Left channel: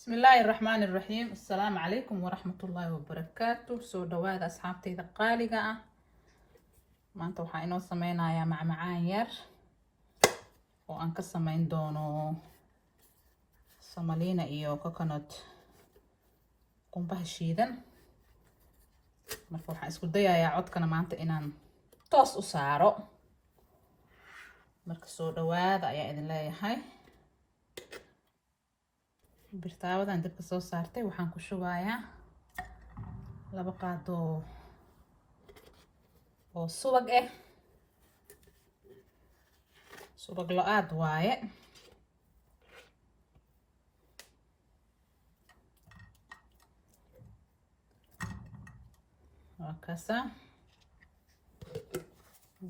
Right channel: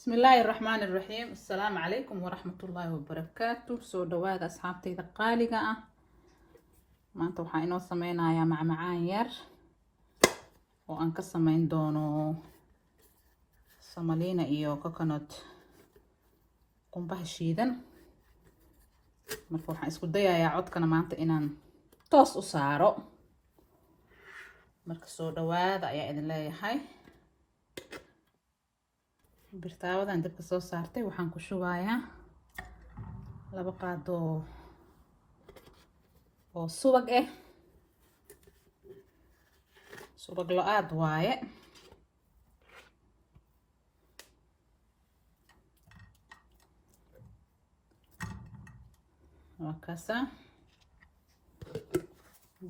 بسم الله الرحمن الرحيم. السلام عليكم ورحمة الله وبركاته. سو دواad asxaabtayda qaaliga ah. maanta waxaan inoo sameynayaa macmacaan yar oo aan ka sameyn doono samaliina iyo coconut qumbaha shiidan. marka waxaan isku dayayaa codkana maanta inaan toos u saaro. marka soo dhawaada ayaa idin leeyahay. birtaawadan dabka soo saartay waxaan ku shubayaa 2 qaado oo subag ah. subag lo-aad waaye. waa kaasa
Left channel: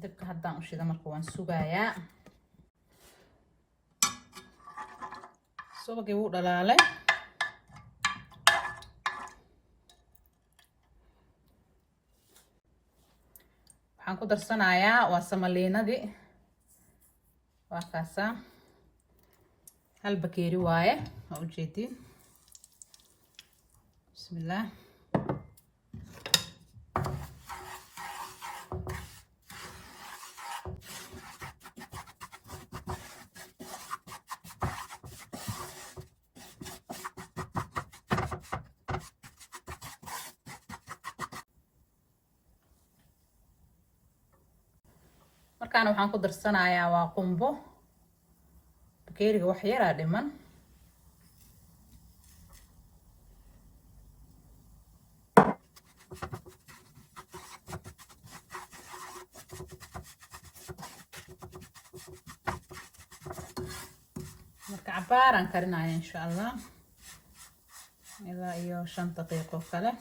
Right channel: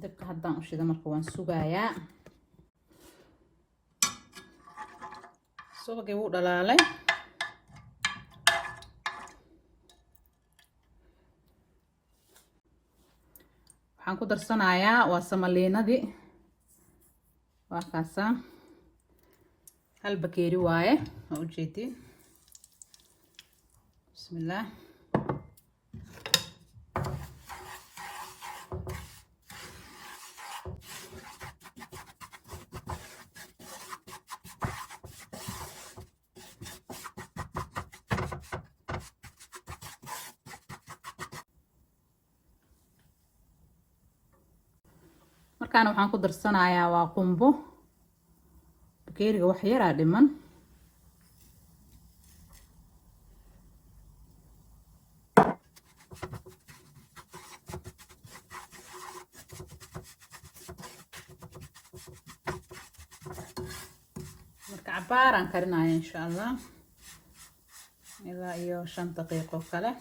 dabka haddaan u shida marka waan sugayaa. subagii wuu dhalaalay. waxaan ku darsanayaa waa samaliinadii. waa kaasa hal bakeeri waaye waa ujeedin. bismillaah. markaana waxaan ku darsanayaa waa qumbo. bakeeriga wax yaraa dhiman. marka cabaaraan karinaya insha allah ilaa iyo 5 daqiiqo kale.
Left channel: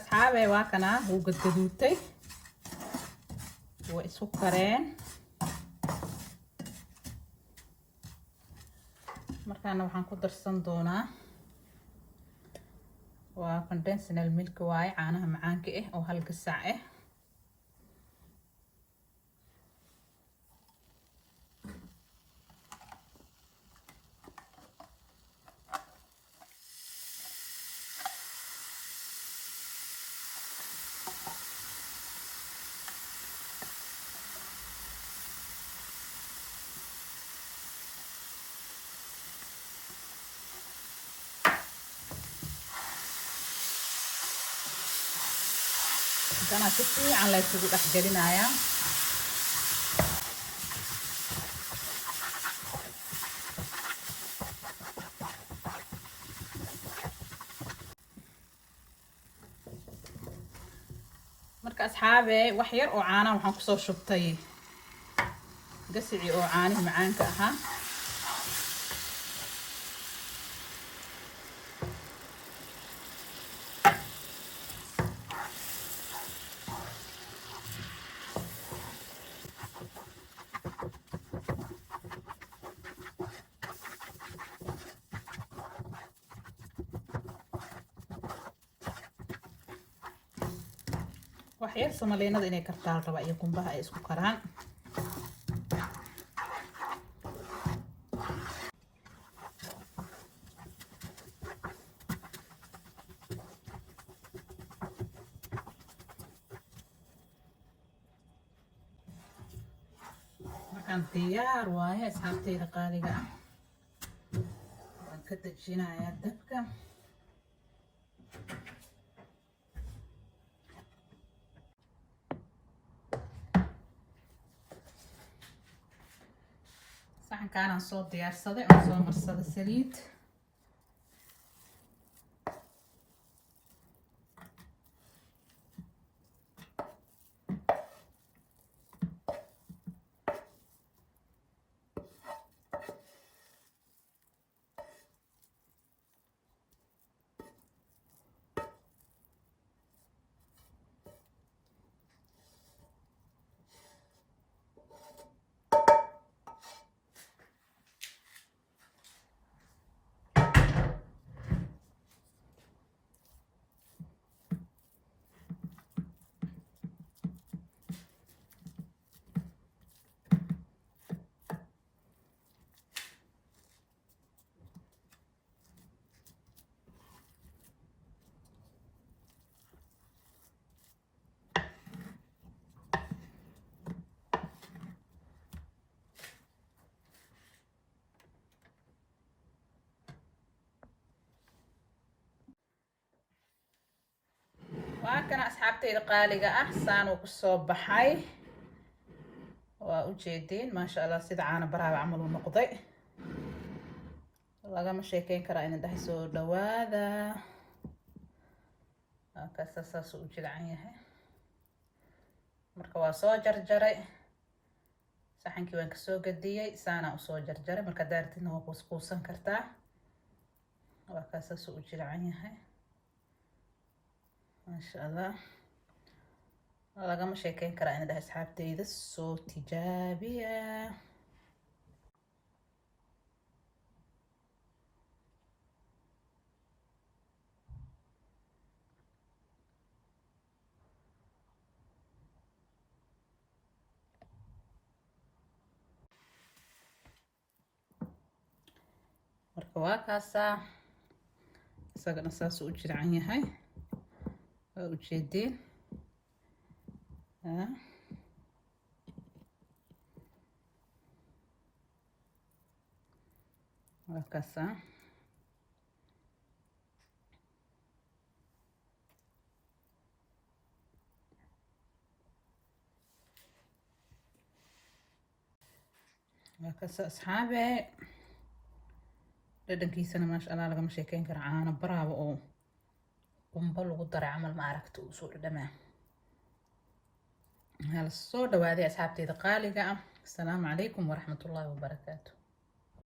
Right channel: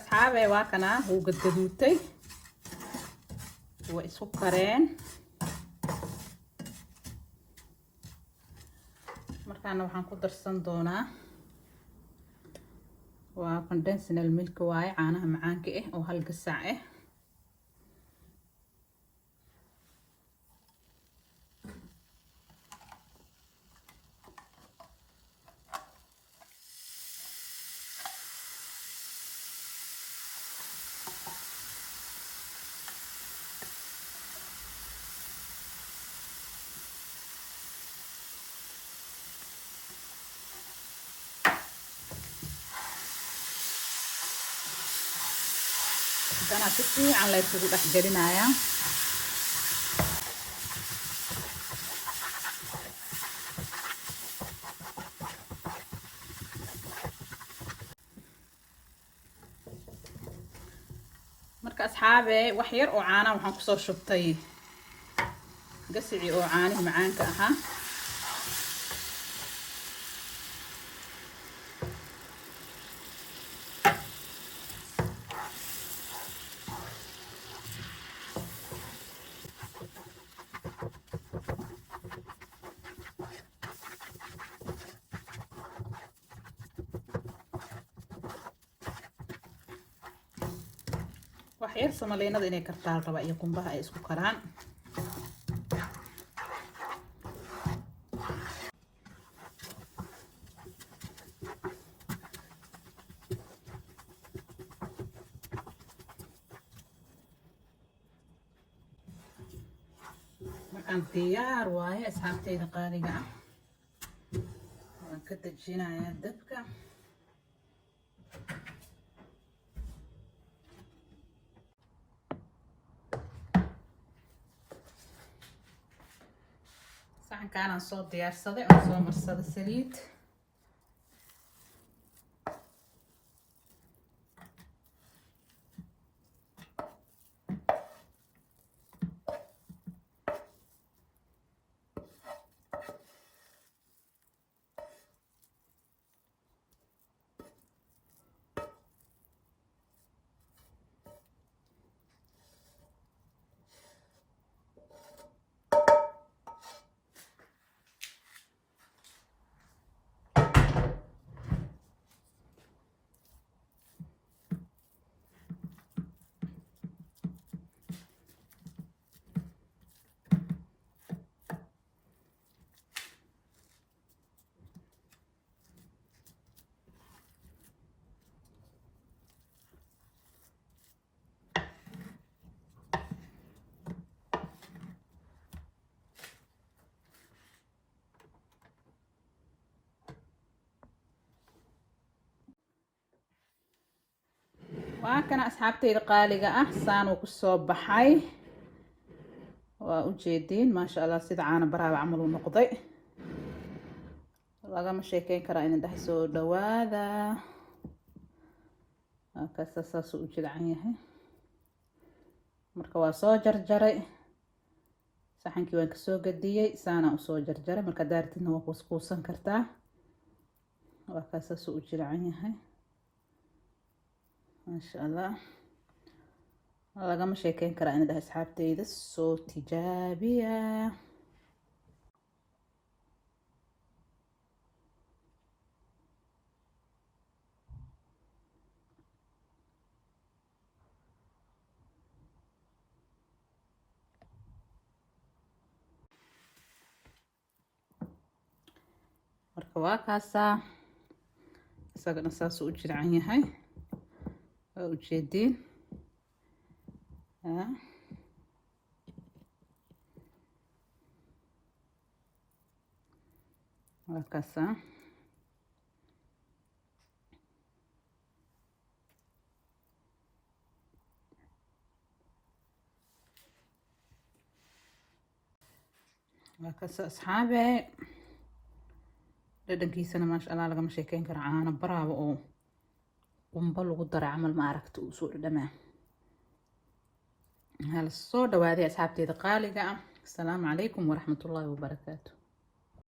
asxaabe waa kana wuu gadgaduutay. waa isku kareen. markaana waxaan ku darsan doonaa waa conventional milk waaye caanaha macaanka ah oo 1 gasac ah. أنا سكتي على يسوي أحجرين عيا. مركز أصحابي وحير وعانا وحنقصو شطي قسعي وعاني معانك أها. waxyar samaliinada inay kartaan raba iyo qumbaha ay isku karaan. saxan diyaar waaye asxaabteyda qaaliga ah. waan ka dejinayaa dabka. saxankaanaan soo diyaarsaday oo soo marsaday saliid. waa kana asxaabteyda qaaliga ah saan uu kusoo baxay. waa u jeediin maasha Allah sida caana baraaba camal uu noqday. lagama sheekeyn karaa in dhahay soo dhawaada. kaasa saas u jilcan yahay. marka waa soo jarjaray saxankii waan kasoo gadiyay saana u soo jarjaray. marka daartina waa kuuskuusan kartaa. waa kaasa saas u jilcan yahay maasha Allah. lagama sheekeyn karaa in dhahay asxaabteyda soo tijaabiya. marka waa kaasa isagana saas u jilcan yahay. waa u jeediin waa kaasa. waa kaasa asxaabe dhadhankiisana maasha Allah lagama sheekeyn karo. caano baraaba oo qumbo lagu daray camal ma aragta uu soo dhadhamaa. hala soo dhawaaday asxaabteyda qaaliga ah. asalaamu calaykum waraxmatullaahi wabarakaatu.